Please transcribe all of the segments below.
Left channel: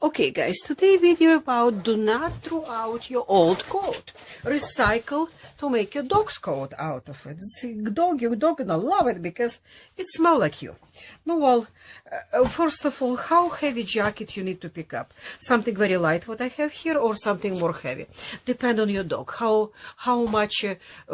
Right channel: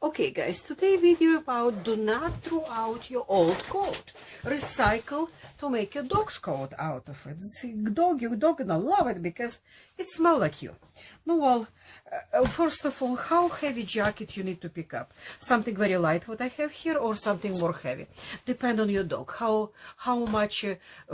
Okay guys, today video about do not throw out your old coat. Recycle to make your dog's coat out of it. Your dog gonna love it because it smells like you. No, well, first of all, how heavy jacket you need to pick up? Something very light what I have here or something more heavy? Depend on your dog. How much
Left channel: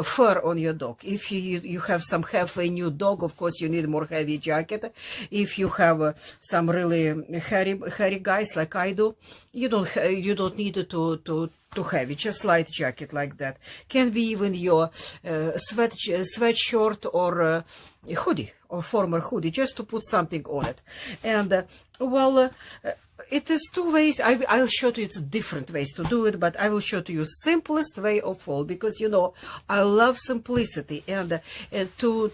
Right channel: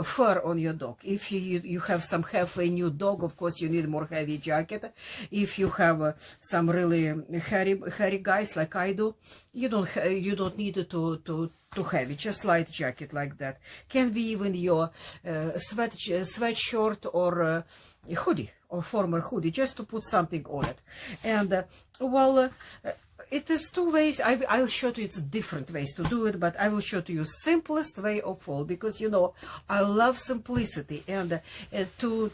fur on your dog. If you have some halfway new dog, of course you need more heavy jacket. If you have some really hairy guys like I do, you don't need it to heavy, just light jacket like that. Can be even your sweatshirt or hoodie or former hoodie, just to put something on it. And it is two ways. I'll show you it's different ways to do it, but I will show to you simplest way of all, because you know I love simplicity, and to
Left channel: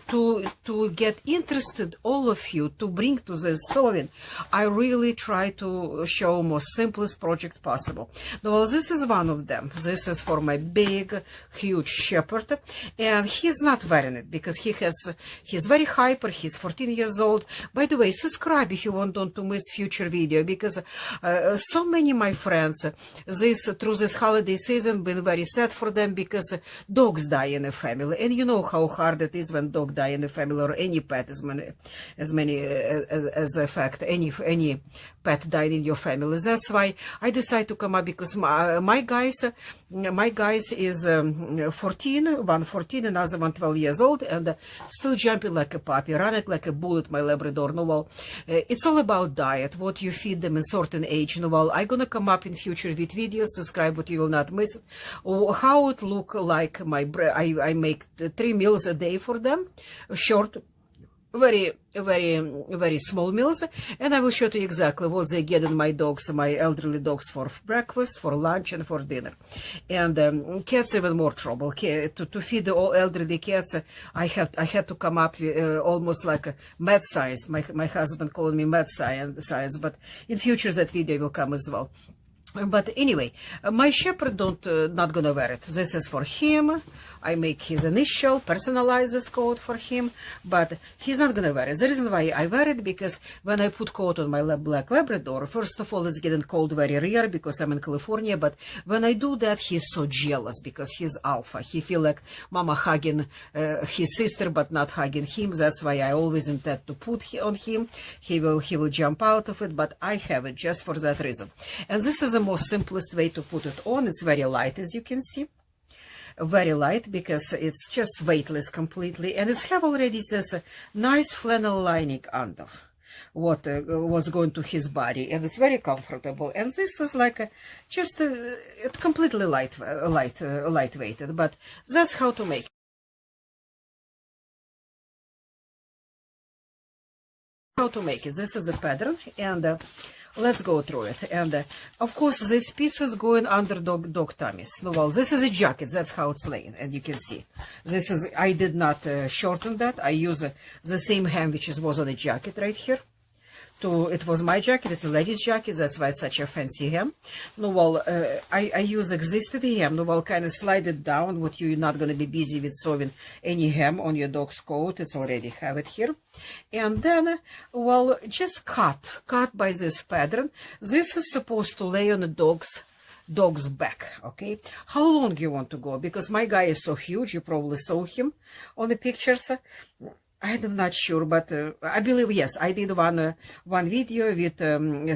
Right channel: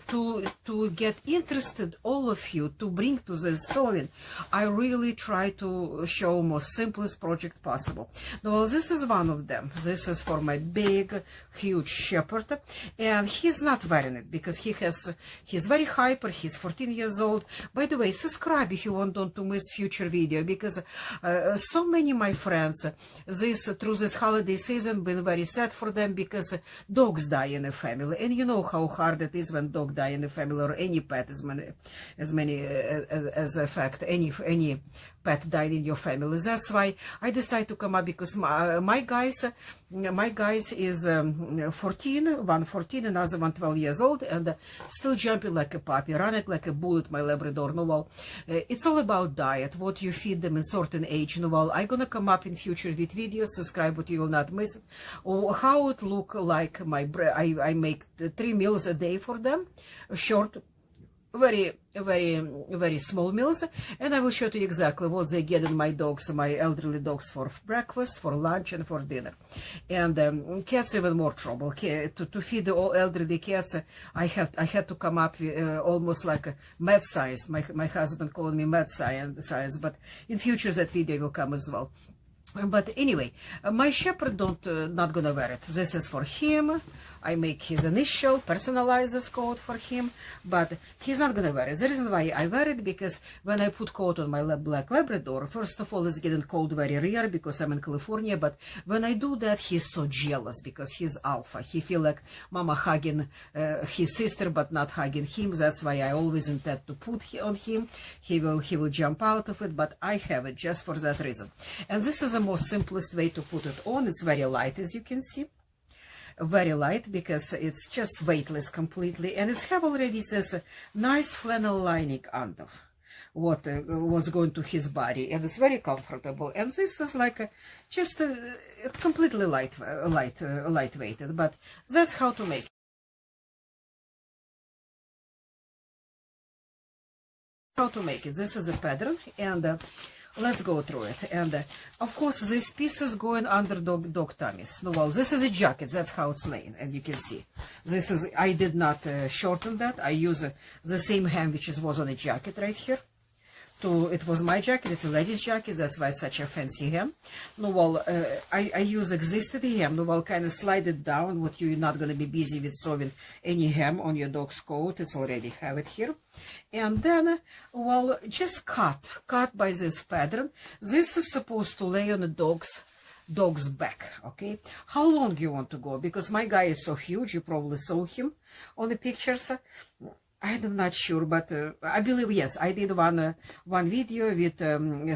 get interested all of you to bring to this sewing, I really try to show most simplest project possible. Well, this is one of them. This is for my big huge shepherd, and he's not wearing it because he's very hyper. He's 14 years old. By the way, subscribe if you want to miss future video, because so many my friends through this holiday season been very sad for them because dogs die in a family, and you know how hard it is when dog die in a family, or any pet as a fact, any pet died in your family. That's why I decided to come up, because my guys is 14, one 14, another one 12 years old, and still jumping like a puppy, running like a bullet, my Labrador. No, well, it's all about diet, what you feed them in certain age. No, well, I'm gonna come up in future with videos. Subscribe, what you will not miss. How it look like I make 3 meals a day for them, short, very small meals, and I will show you exactly what they get in my elderly dogs, for breakfast, for lunch, and for dinner. And cats even more trouble. To feed the all elderly cats, I had to come up with almost like a mad science. My husband called me mad science, but in future that video will come as well. But anyway, my shepherd not gonna wear it. This is for him. I make his initial, personalize this coat for him, but he's not gonna wear it. The reason why I wear it, because when I put coat on my black Labrador, first of all, it's getting cold very rare because I'm in California, but when I do that, he's so jealous because he's alpha. He feel like mama hugging his sister, but not hugging him. That's why I always intend to put on him. He will jump out of it, but I have it just for that reason. And this is the most simplest way to put it on. It's very light, as you can see. Very light, because it's just weightless completely, and it's have already this nice flannel lining under what was going to his body, and it's very comfortable. And this is like just completely lightweighted, but that's how to make it. This is a pattern, and let's go through it. And of course, this piece is going under dog tummies. No, well, this is a jacket. That's how it's laying, and you can see this is. I did not shorten that. I use the same hem which was on a jacket right here. It was my jacket. It's a lady's jacket. That's why it's such a fancy hem. No, well, I use existed hem. No, well, kind of slide it down. What you're not going to be busy with sewing any hem on your dog's coat. It's already have it here. And then, well, just cut by this pattern. This is supposed to lay on the dog's back. Okay, how long you want to go? Because my guy is so huge, you probably saw him on the pictures. I'm not sure, but I believe, yes, I did one video with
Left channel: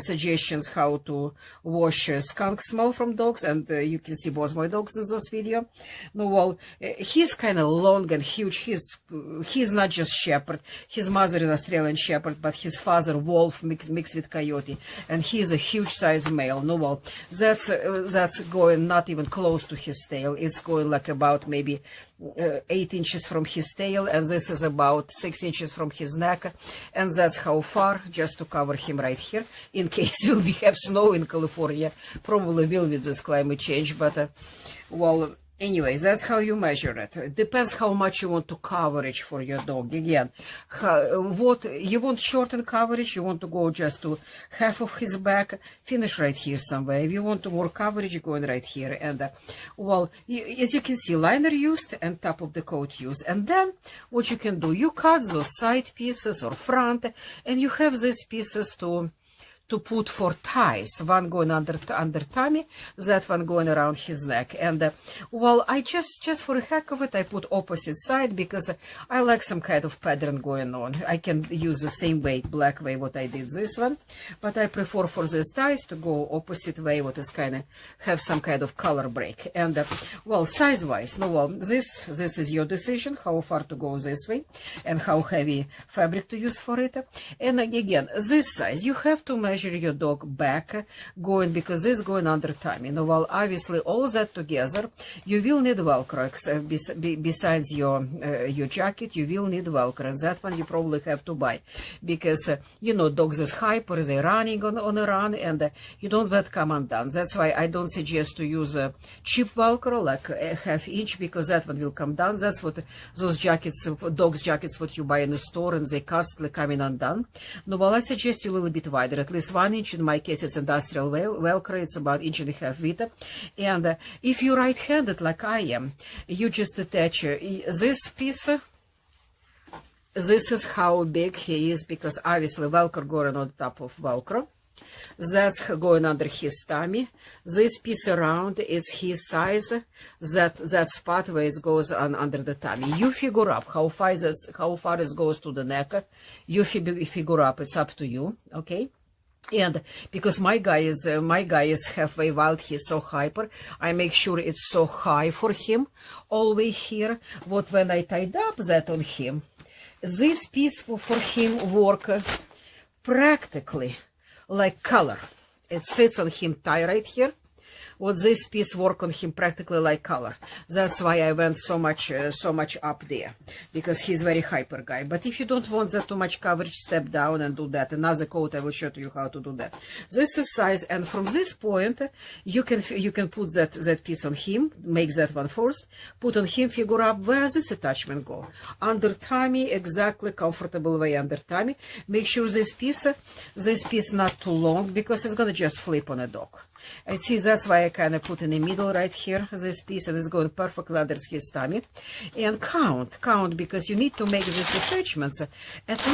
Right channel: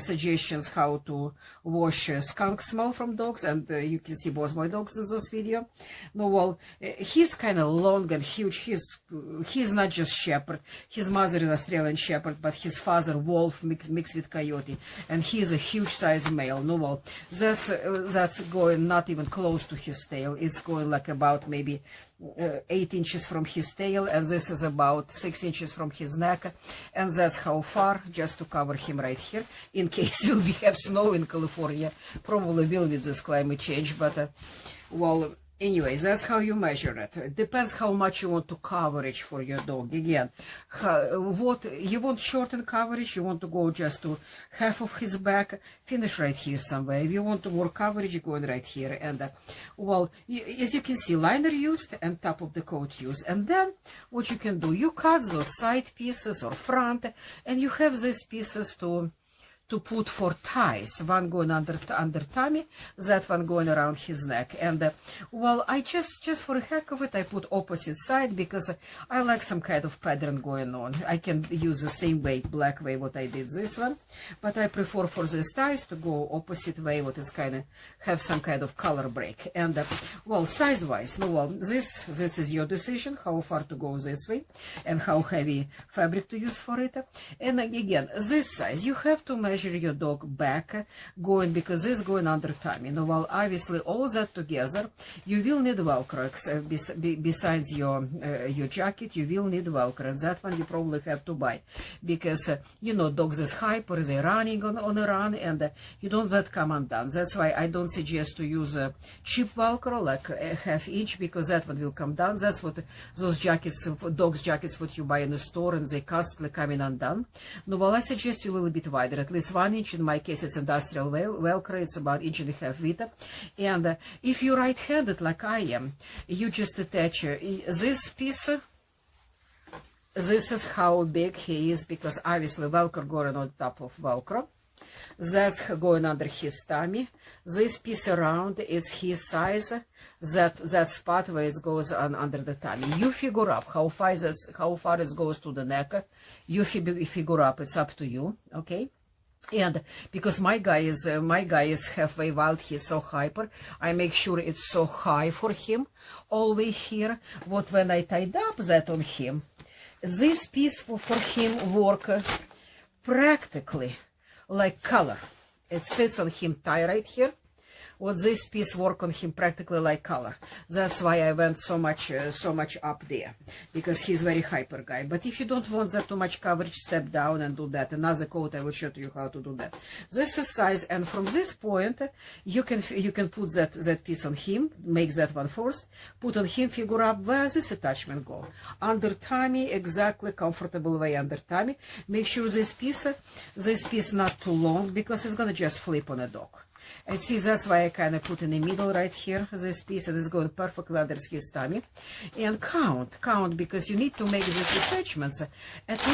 suggestions how to wash skunk smell from dogs, and you can see both my dogs in this video. No, well, he's kind of long and huge. He's not just shepherd. His mother is Australian shepherd, but his father wolf mixed with coyote, and he's a huge size male. No, well, that's going not even close to his tail. It's going like about maybe 8 inches from his tail, and this is about 6 inches from his neck, and that's how far, just to cover him right here, in case we have snow in California. Probably will with this climate change, but well, anyways, that's how you measure it. It depends how much you want to coverage for your dog. Again, what you want shorten coverage, you want to go just to half of his back, finish right here somewhere. If you want to more coverage, you're going right here. And well, as you can see, liner used and top of the coat used. And then what you can do, you cut those side pieces or front, and you have these pieces to to put 4 ties, one going under tummy, that one going around his neck. And well, I just for the heck of it, I put opposite side because I like some kind of pattern going on. I can use the same way, black way, what I did this one, but I prefer for these ties to go opposite way, what is kind of have some kind of color break. And well, size wise, no, well, this is your decision how far to go this way and how heavy fabric to use for it. And again, this size, you have to measure your dog back going, because this is going under tummy. Now, well, obviously all that together, you will need Velcro. Besides your jacket, you will need Velcro, and that one you probably have to buy, because you know, dogs is hyper, they're running on a run, and you don't let come undone. That's why I don't suggest to use a cheap Velcro like a ½ inch, because that one will come down. That's what those jackets, dogs jackets, what you buy in the store, and they constantly coming undone. No, well, I suggest you a little bit wider, at least 1 inch. In my case, it's industrial Velcro. It's about 1.5 inches width. And if you're right-handed like I am, you just attach this piece. This is how big he is, because obviously Velcro going on top of Velcro. That's going under his tummy. This piece around is his size. That spot where it goes on under the tummy. You figure up how far it goes to the neck. You figure up. It's up to you. Okay. And because my guy is halfway wild, he's so hyper, I make sure it's so high for him all the way here. What when I tied up that on him, this piece for him work practically like collar. It sits on him tie right here. What this piece work on him practically like color. That's why I went so much up there, because he's very hyper guy. But if you don't want that too much coverage, step down and do that. Another coat, I will show you how to do that. This is size, and from this point you can put that piece on him. Make that one first. Put on him. Figure out where this attachment go. Under tummy, exactly comfortable way under tummy. Make sure this piece not too long, because it's gonna just flip on a dog. I see, that's why I kind of put in the middle right here, this piece, and it's going perfectly under his tummy. And count, because you need to make these attachments at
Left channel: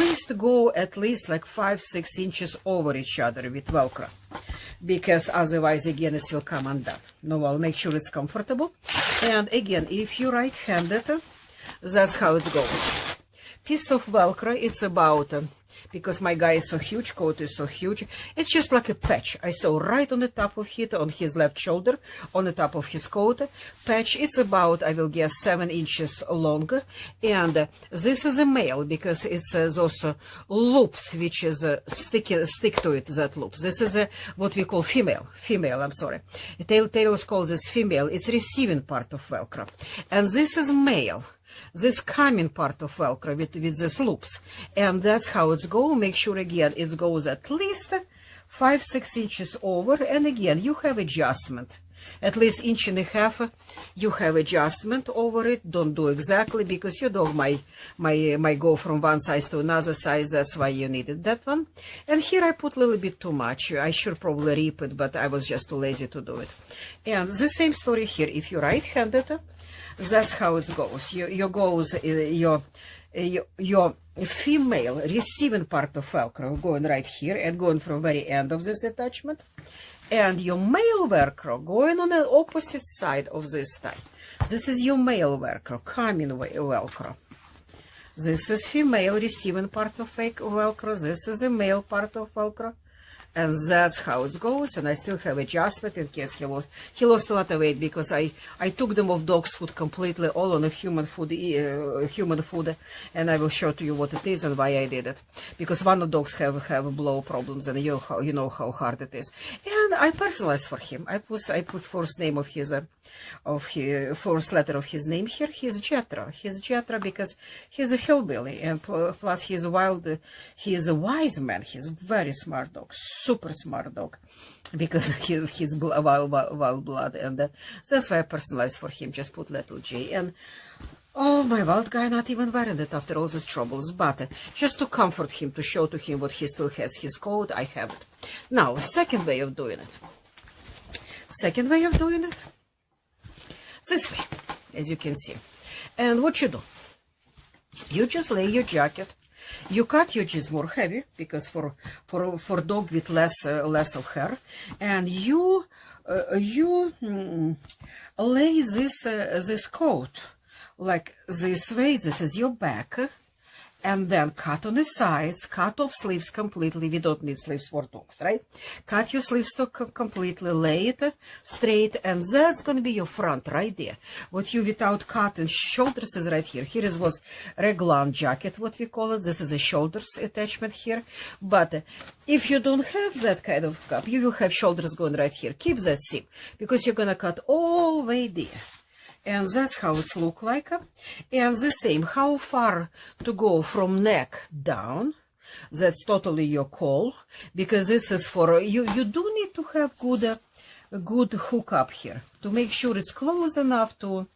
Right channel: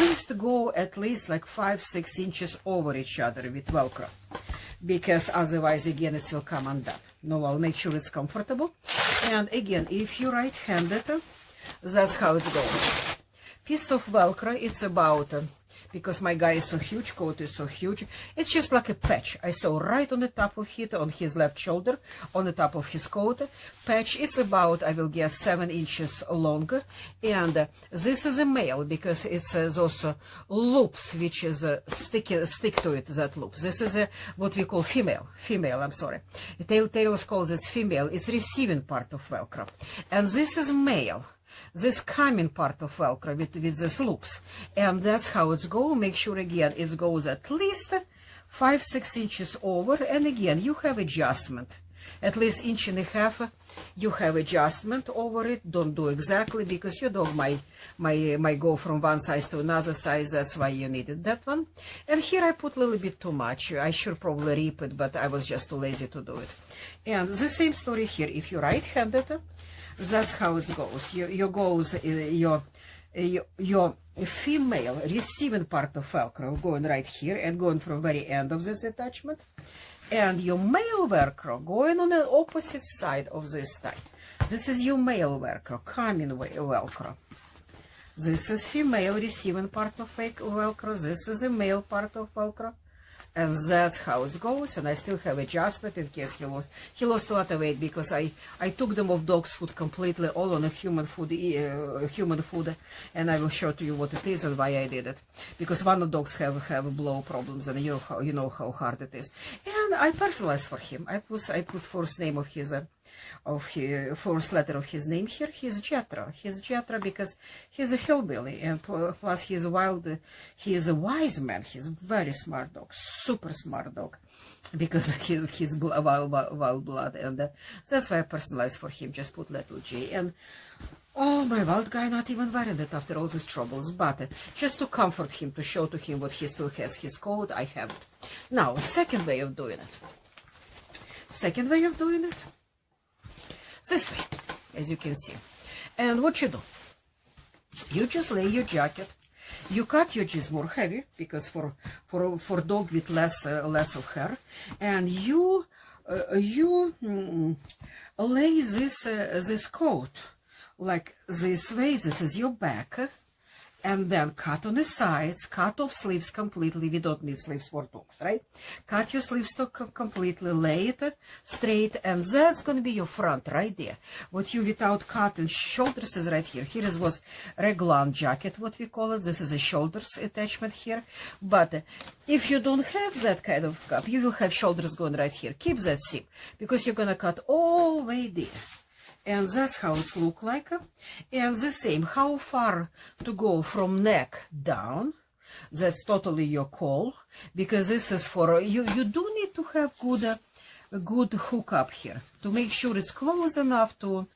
least like 5-6 inches over each other with Velcro, because otherwise, again, it will come undone. No, I'll make sure it's comfortable. And again, if you're right-handed, that's how it goes. Piece of Velcro, it's about... because my guy is so huge, coat is so huge, it's just like a patch. I saw right on the top of it, on his left shoulder, on the top of his coat, patch. It's about, I will guess, 7 inches long. And this is a male, because it's those loops, which is stick to it, that loops. This is what we call female, I'm sorry. Tailors call this female. It's receiving part of Velcro. And this is male. This coming part of Velcro with these loops, and that's how it's go. Make sure again it goes at least 5-6 inches over, and again you have adjustment at least 1.5 inches. You have adjustment over it. Don't do exactly, because your dog might go from one size to another size. That's why you needed that one. And here I put a little bit too much. I should probably rip it, but I was just too lazy to do it. And the same story here. If you're right-handed, that's how it goes. Your female receiving part of Velcro going right here and going from very end of this attachment, and your male Velcro going on the opposite side of this tie. This is your male Velcro, coming Velcro. This is female receiving part of Velcro. This is a male part of Velcro. And that's how it goes. And I still have adjustment in case he lost a lot of weight, because I took them off dog's food completely, all on a human food, and I will show to you what it is and why I did it. Because one of dogs have blow problems, and you know how hard it is. And I personalized for him. I put first name of his first letter of his name here. He's Jethro. He's Jethro because he's a hillbilly, and plus he's wild. He is a wise man. He's a very smart dog, super smart dog, because he's wild blood, and that's why I personalized for him. Just put little J. And oh, my wild guy not even wearing it after all these troubles, but just to comfort him, to show to him what he still has his coat, I have it. Now, second way of doing it. This way, as you can see. And what you do, you just lay your jacket You cut your jeans more heavy because for dog with less of hair, and you lay this coat like this way. This is your back, and then cut on the sides, cut off sleeves completely. We don't need sleeves for dogs, right? Cut your sleeves completely, lay it straight, and that's going to be your front right there. What you without cutting shoulders is right here. Here was raglan jacket, what we call it. This is a shoulders attachment here. But if you don't have that kind of cup, you will have shoulders going right here. Keep that seam, because you're going to cut all the way there. And that's how it's look like. And the same, how far to go from neck down, that's totally your call, because this is for you. You do need to have good hook up here to make sure it's close enough to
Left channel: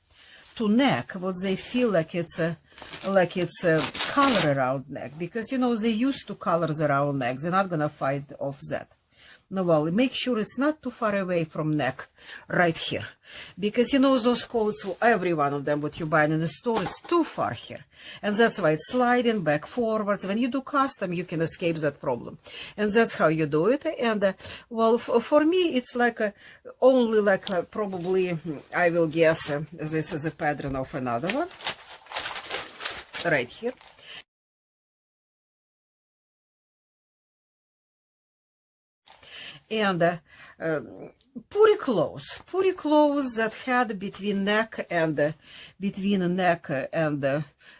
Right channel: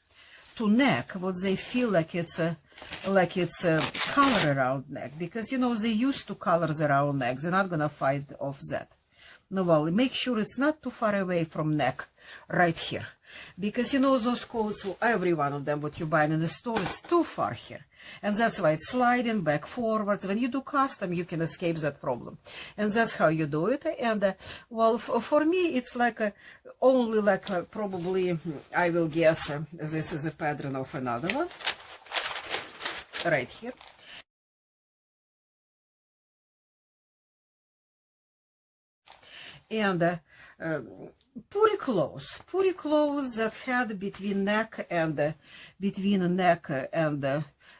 neck, what they feel like it's a collar around neck, because you know they used to collars around neck. They're not gonna fight off that. No, well, make sure it's not too far away from neck right here. Because you know those collars, every one of them what you buy in the store, is too far here, and that's why it's sliding back forwards. When you do custom, you can escape that problem, and that's how you do it. And well, for me, it's like only like probably, I will guess, this is a pattern of another one right here. And pretty close that had between neck and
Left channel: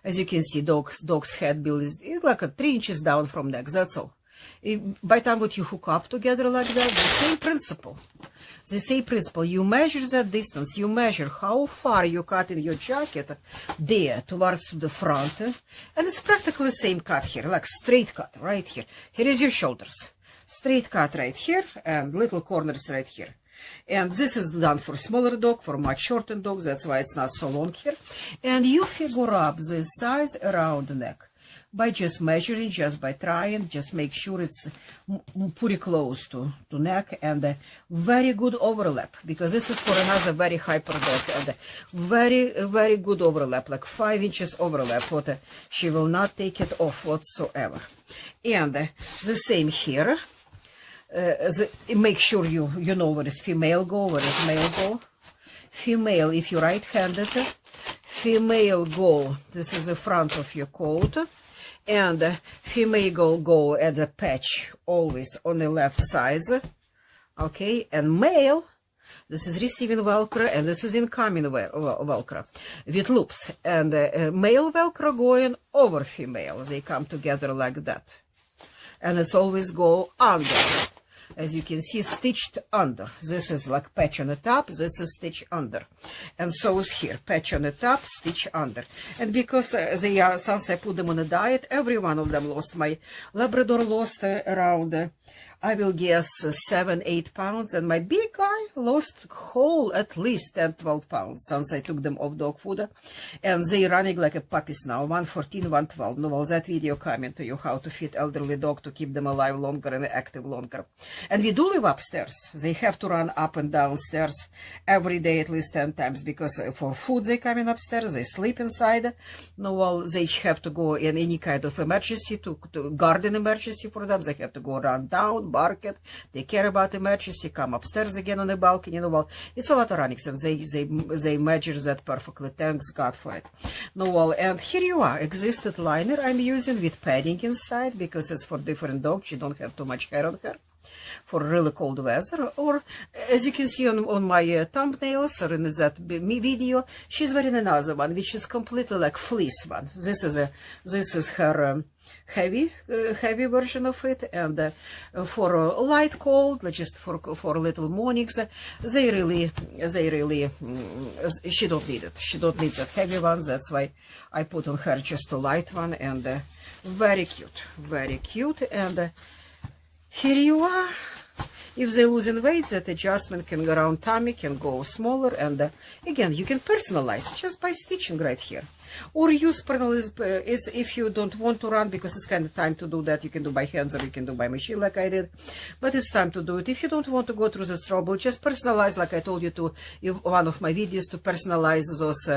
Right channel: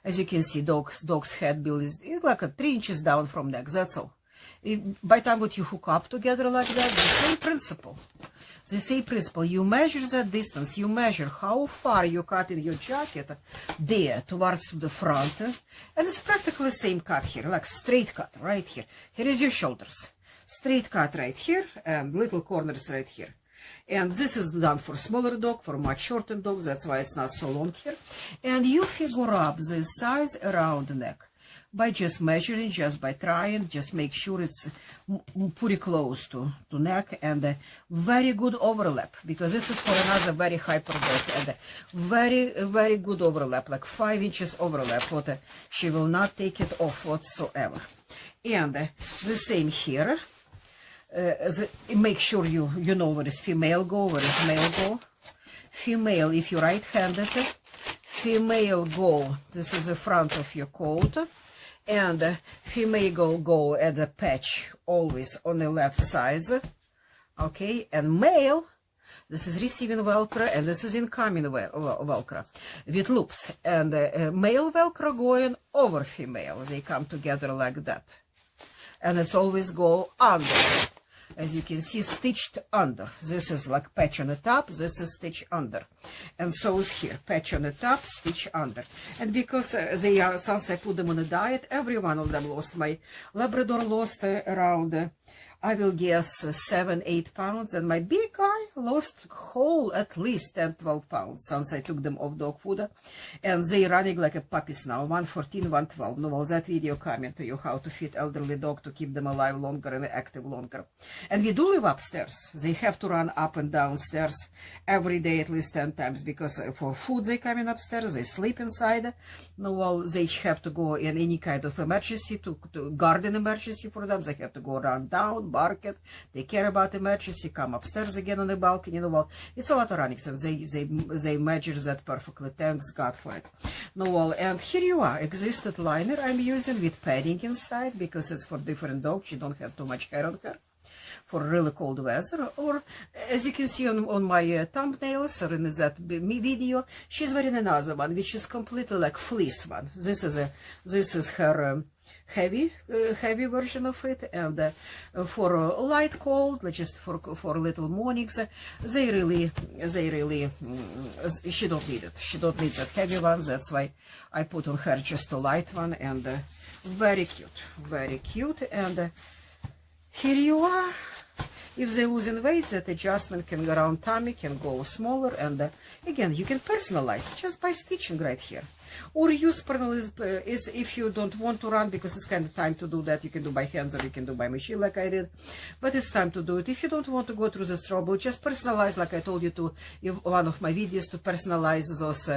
as you can see, dog's head bill is like 3 inches down from neck. That's all. By the time what you hook up together like that, the same principle. The same principle. You measure that distance. You measure how far you cut in your jacket there towards the front, and it's practically the same cut here, like straight cut right here. Here is your shoulders. Straight cut right here, and little corners right here. And this is done for smaller dog, for much shorter dogs. That's why it's not so long here. And you figure up the size around the neck by just measuring, just by trying. Just make sure it's pretty close to neck, and very good overlap, because this is for another very hyper dog, and very good overlap, like 5 inches overlap. What she will not take it off whatsoever. And the same here. Make sure you know where is female go, where is male go. Female, if you're right-handed, female go, this is the front of your coat, and female go at the patch always on the left side, okay, and male, this is receiving Velcro, and this is incoming Velcro with loops, and male Velcro going over female. They come together like that, and it's always go under. As you can see, stitched under. This is like patch on the top, this is stitch under. And so is here, patch on the top, stitch under. And because they are, since I put them on a diet, every one of them lost. My Labrador lost around, I will guess, 7-8 pounds, and my big guy lost whole at least 10-12 pounds since I took them off dog food, and they running like a puppies now, 114, 112. No, well, that video coming to you how to feed elderly dog to keep them alive longer and active longer. And we do live upstairs. They have to run up and down stairs every day at least 10 times, because for food they come in upstairs, they sleep inside. No, well, they have to go in any kind of emergency, to garden emergency for them. They have to go run down, bark it, they care about emergency, come upstairs again on the balcony. You know, well, it's a lot of running, and they measure that perfectly. Thanks God for it. No, well, and here you are, existed liner I'm using with padding inside, because it's for different dogs. You don't have too much hair on her for really cold weather. Or as you can see on my thumbnails or in that video, she's wearing another one which is completely like fleece one. This is her heavy version of it, and for light cold, just for little mornings, they really she don't need it. She don't need that heavy one. That's why I put on her just a light one, and very cute. And here you are. If they're losing weight, that adjustment can go around tummy, can go smaller, and again, you can personalize just by stitching right here. or use it's if you don't want to run, because it's kind of time to do that. You can do by hands or you can do by machine like I did, but it's time to do it. If you don't want to go through this trouble, just personalize, like I told you to one of my videos, to personalize those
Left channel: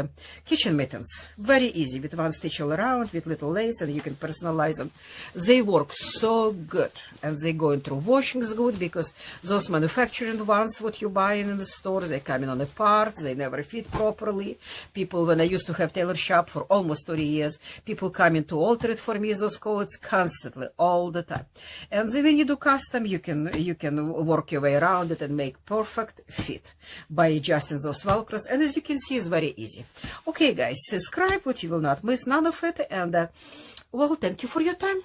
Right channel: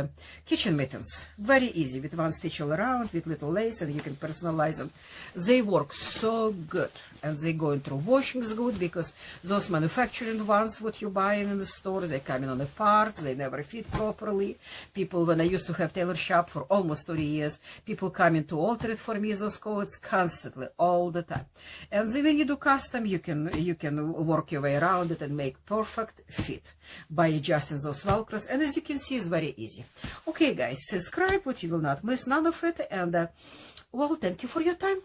kitchen mittens. Very easy, with one stitch all around, with little lace, and you can personalize them. They work so good, and they go through washings good, because those manufacturing ones what you buy in the stores, they come in on a part, they never fit properly. People, when I used to have tailor shop for almost 30 years, people come in to alter it for me, those coats, constantly, all the time. And then when you do custom, you can work your way around it and make perfect fit by adjusting those velcros. And as you can see, it's very easy. Okay guys, subscribe, what you will not miss none of it. And well, thank you for your time.